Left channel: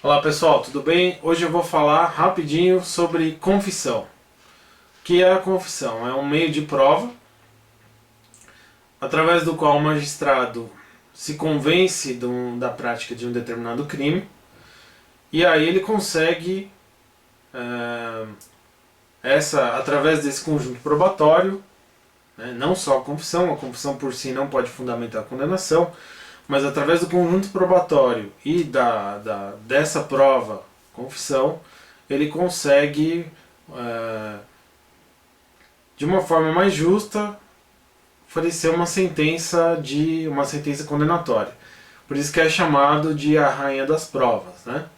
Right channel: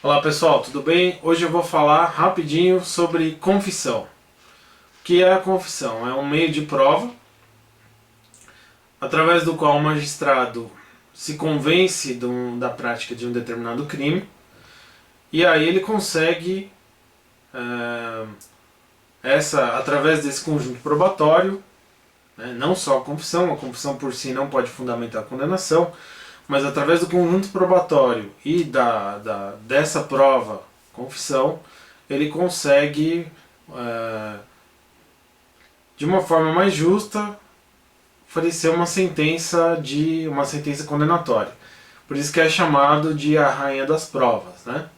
Olá pessoal, tudo bem? Hoje eu vou falar rapidinho sobre confissão. O que é a confissão? É um meio de prova através do qual o magistrado se convence da prática de um determinado crime e aí ele consegue, através desse conjunto probatório, né, não só a confissão por si não pode fundamentar a condenação, mas através do conjunto probatório e dessa prova, confissão, ele consegue, de uma forma mais justa, oferecer uma sentença condenatória. Por isso que é chamado de a rainha das provas, né?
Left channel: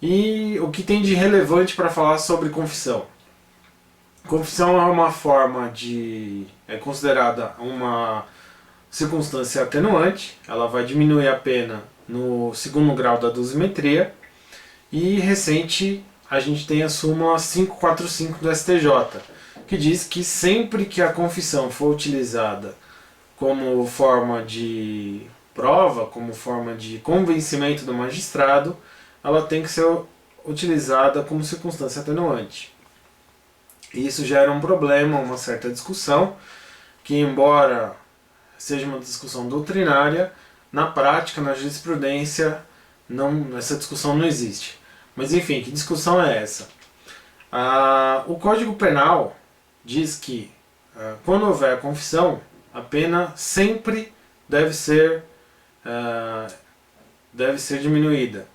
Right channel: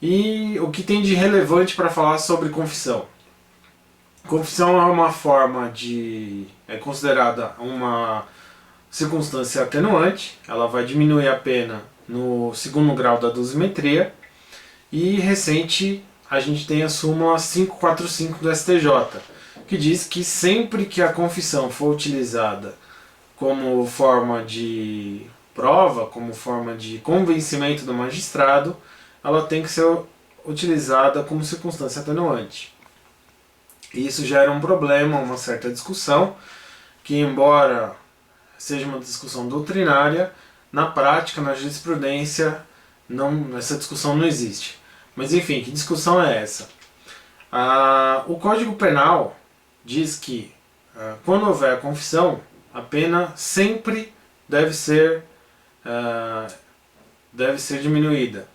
E o que tem de relevante para falar sobre confissão? Confissão é uma forma é considerada uma circunstância atenuante, ela vai diminuir a pena no segundo grau da dosimetria, e recente a gente tem a súmula 545 do STJ, que diz que sempre que a confissão for utilizada como forma de prova, como forma de convencimento do magistrado, ela tem que ser utilizada como circunstância atenuante. E isso gera um problema, uma certa discussão, que embora seja uma discussão doutrinária, na prática, na jurisprudência, essa discussão não existe. Mas enfim, que discussão é essa? O Código Penal diz que quando houver confissão, a pena sempre deve ser diminuída.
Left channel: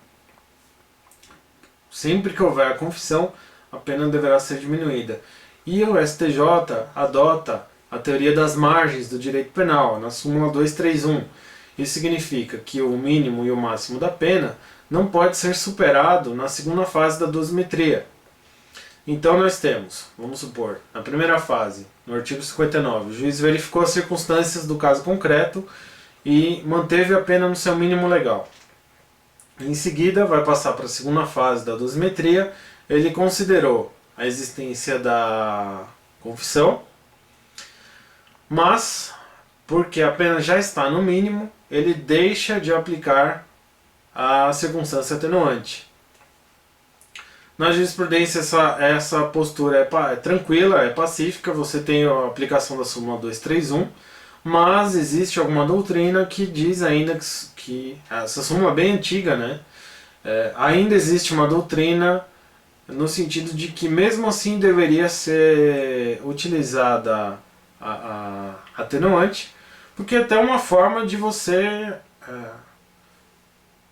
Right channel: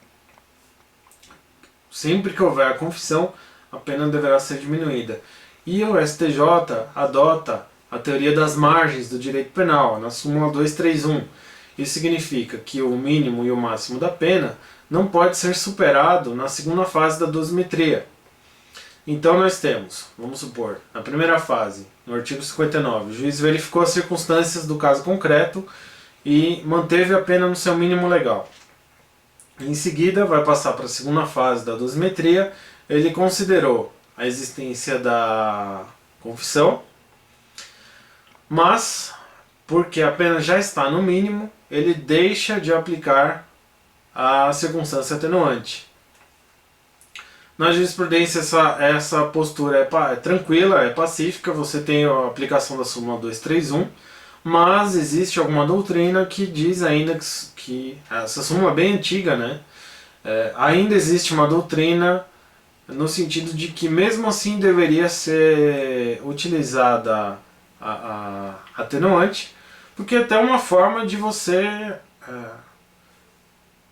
Sempre que houver confissão, a pena deverá ser diminuída. E o STJ adota a teoria das margens do direito penal, na súmula 231. Isso significa que o mínimo e o máximo da pena não pode ser superado na segunda fase da dosimetria. Então nós temos, vamos supor, na primeira fase, no artigo 59, o juiz verificou as circunstâncias do caso concreto e manteve a pena no seu mínimo legal. Em seguida, vai passar para a segunda fase da dosimetria, ele considerou a existência da confissão, mas, porque a pena já está no mínimo, ele deixa de aplicar a circunstância atenuante. Na jurisprudência essa postura é tranquila, é pacífica, você tem a aplicação da súmula 231, mas existe alguma doutrina que diz ainda que essa súmula é bem antiga, né? Ainda existe uma doutrina no sentido de que mesmo assim deveria ser utilizada a atenuante, porque é até uma forma de você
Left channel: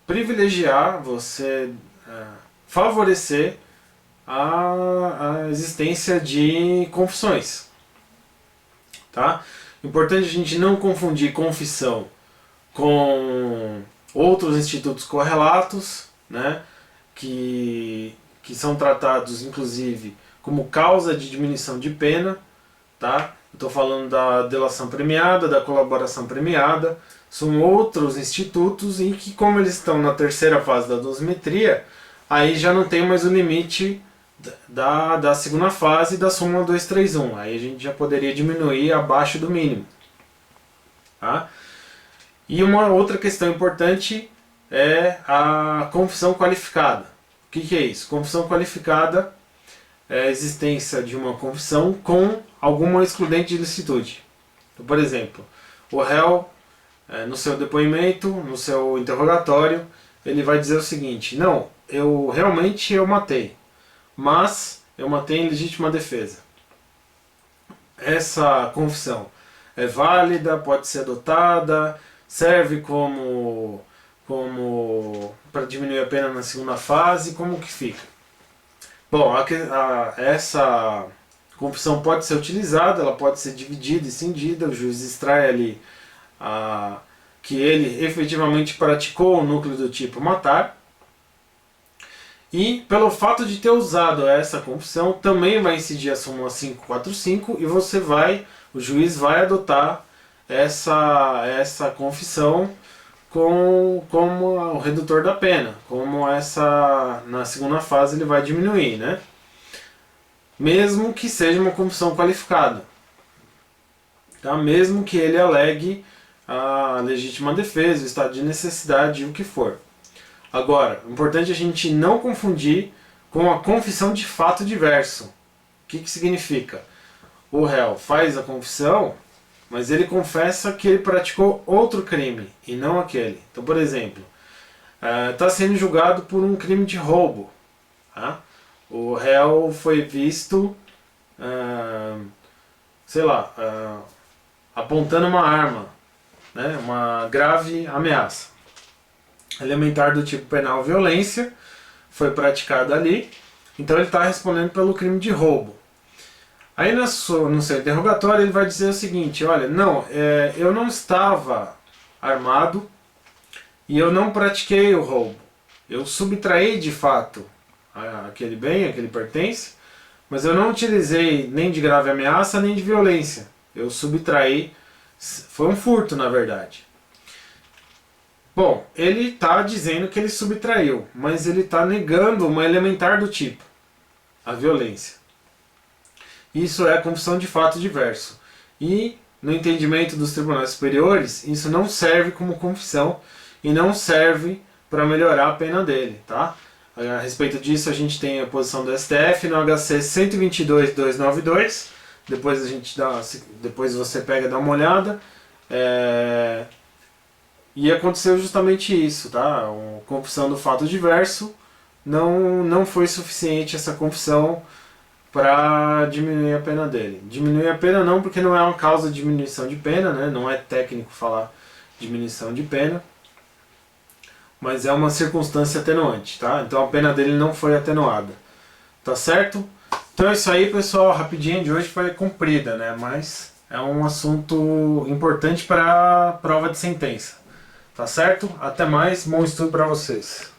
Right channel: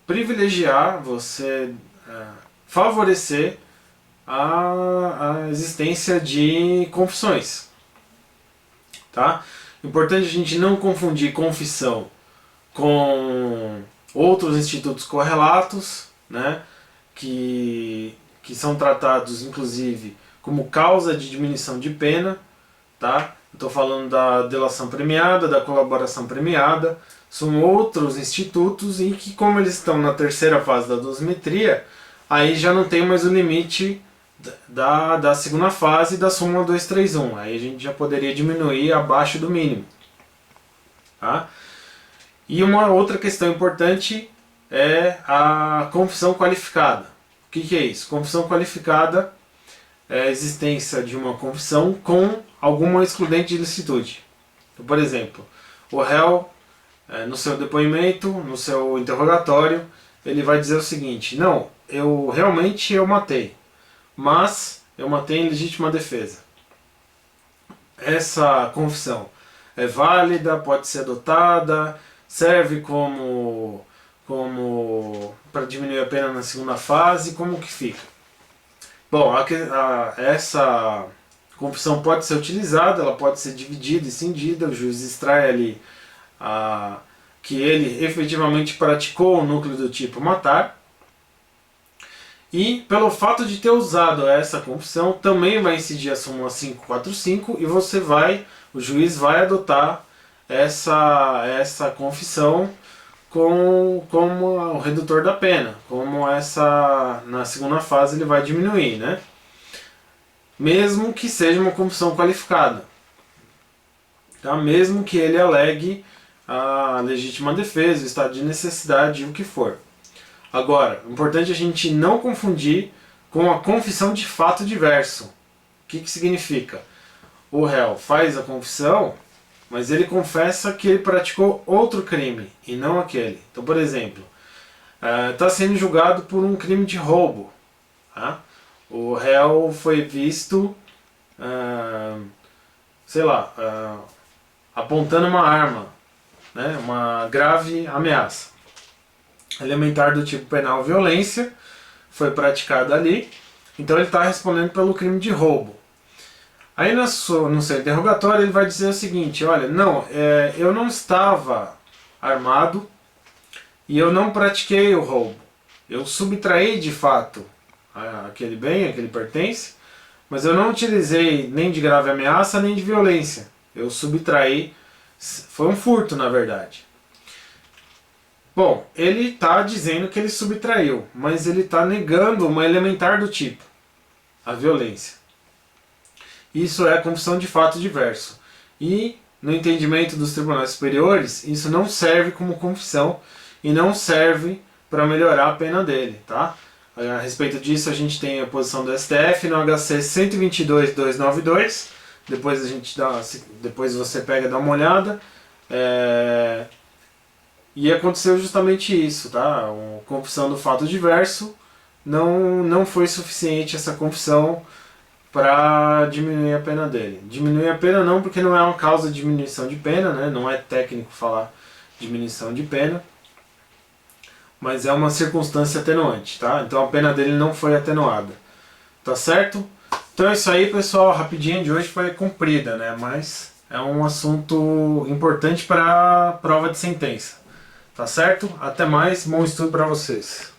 privilegiar, você favorecer a existência de confissões. Tá? Importante a gente não confundir confissão com outros institutos correlatos, né, que são tratados inclusive como causa de diminuição de pena. Tá? Estou falando da delação premiada, da colaboração premiada, são outros institutos em que, como eles estão na terceira fase da dosimetria, aí já não tem mais o limite da segunda fase da súmula 231, aí a gente já poderia diminuir abaixo do mínimo. Tá? E uma outra questão importante é a confissão qualificada. O que é isso? Confissão qualificada é a existência de uma confissão com alguma excludente de ilicitude. Então, por exemplo, o réu, no seu depoimento, no seu interrogatório, ele vai dizer o seguinte: não, eu realmente matei, mas eu matei em legítima defesa. Essa confissão é válida, pode ser adotada, serve como para diminuir a pena na segunda fase, como que fica? Bom, essa confissão pode ser utilizada, ela pode ser dividida e cindida, o juiz extrai ali que ele efetivamente praticou o núcleo do tipo matar, e pelo fato de ter usado essa confissão também vai incidir a súmula 545 e o juiz vai adotar essa confissão como o redutor da pena, como na segunda fase ele vai diminuir, né? Mesmo que seja uma confissão qualificada, tá? Mesmo que ele alegue a legítima defesa, o estado de necessidade e o que for. Agora, o importante é a gente não confundir com a confissão de fato diverso. O que significa? O réu faz a confissão, mas ele confessa que ele praticou outro crime e não aquele. Então, por exemplo, está sendo julgado por um crime de roubo. Tá? O réu foi visto, sei lá, apontando uma arma, né? Uma grave ameaça. Elementar do tipo penal violência foi praticada ali, então ele está respondendo pelo crime de roubo. Aí no seu interrogatório ele vai dizer o seguinte: olha, não, eu não estava armado e eu não pratiquei o roubo. Eu subtraí de fato aquele bem, aquele pertence, mas eu não utilizei nem de grave ameaça nem de violência. Eu subtraí, foi um furto na verdade. Bom, ele está dizendo que ele subtraiu, mas ele está negando uma elementar do tipo, a violência. Isso é a confissão de fato diverso. E, no entendimento dos tribunais superiores, isso não serve como confissão e não serve para melhorar a pena dele, tá? A respeito disso, a gente tem a posição do STF no HC 122.292. Depois você pega e dá uma olhada. E aconteceu justamente isso, tá? A confissão do fato diverso não foi suficiente essa confissão para diminuir a pena dele. Diminuir a pena não, porque não é uma causa de diminuição de pena, né? Não é técnico falar diminuição de pena, mas é uma circunstância atenuante, tá? Então a pena dele não foi atenuada, tá certo? Então é isso aí, pessoal. A rapidinha de hoje foi comprida, né? Mas é um assunto importante para a prova de sentença. Tá certo? Até mais, bom estudo para vocês.